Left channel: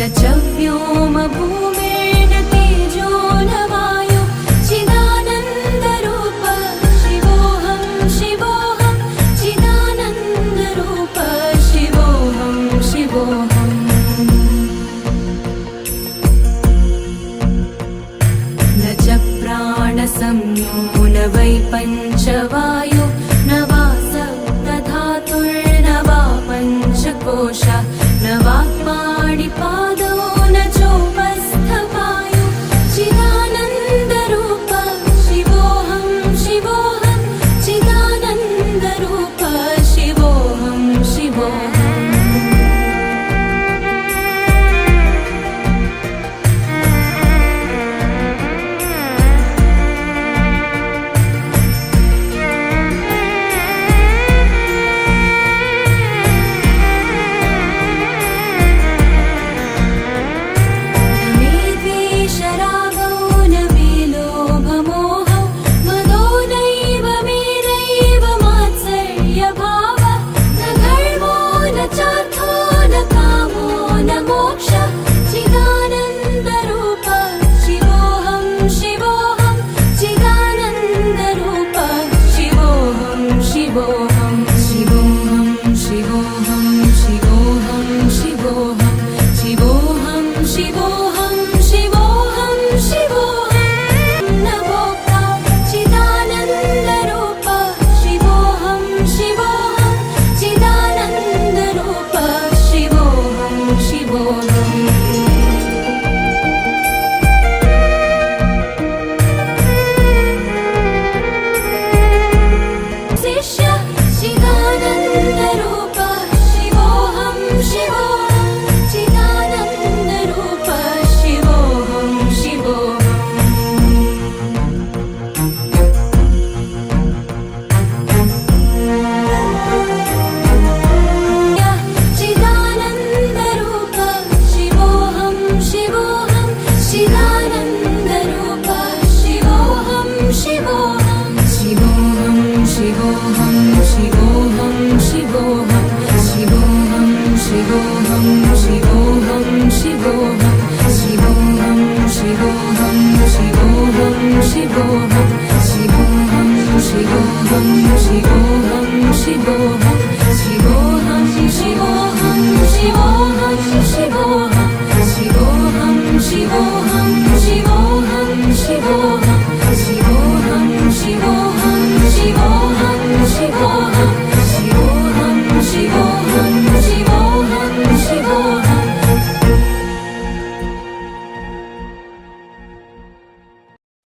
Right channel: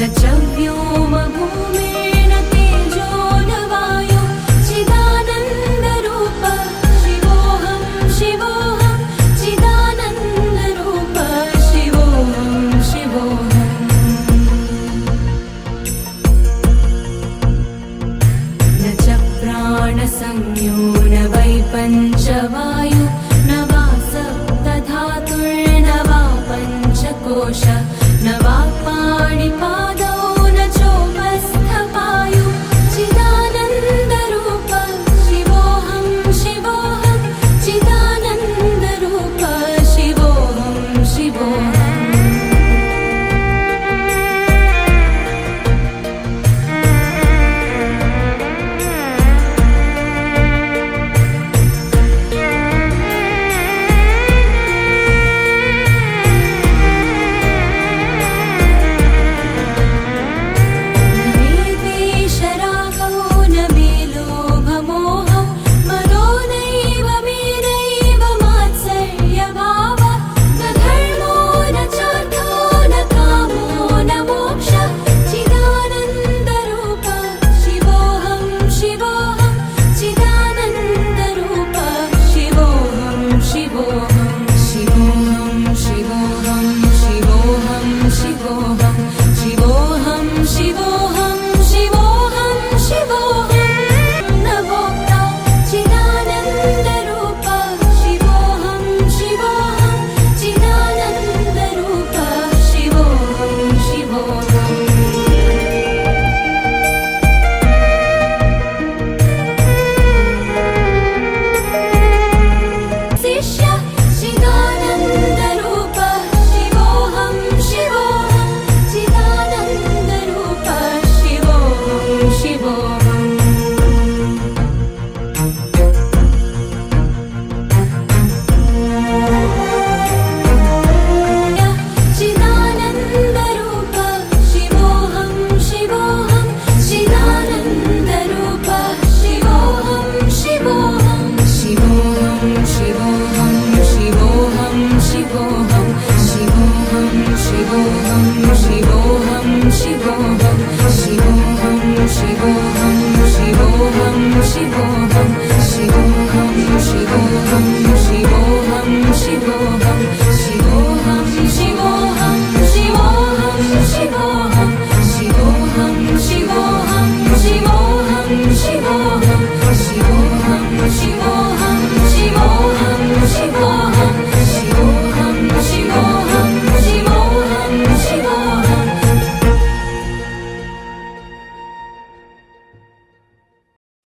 न च व्योमभूमिर्न तेजो न वायु चिदानन्दरूप शिवोऽहं शिवोऽहं चिदानन्दरूप शिवोऽहं शिवोऽहम् न च प्राणसंज्ञो न वै पञ्चवायु न वा सप्तधातुर्न वा पञ्चकोश न वाक्पाणिपादौ न चोपस्थपायु चिदानन्दरूप शिवोऽहं शिवोऽहं चिदानन्दरूप शिवोऽहं शिवोऽहम् शिवोऽहं शिवोऽहं शिवोऽहं शिवोऽहं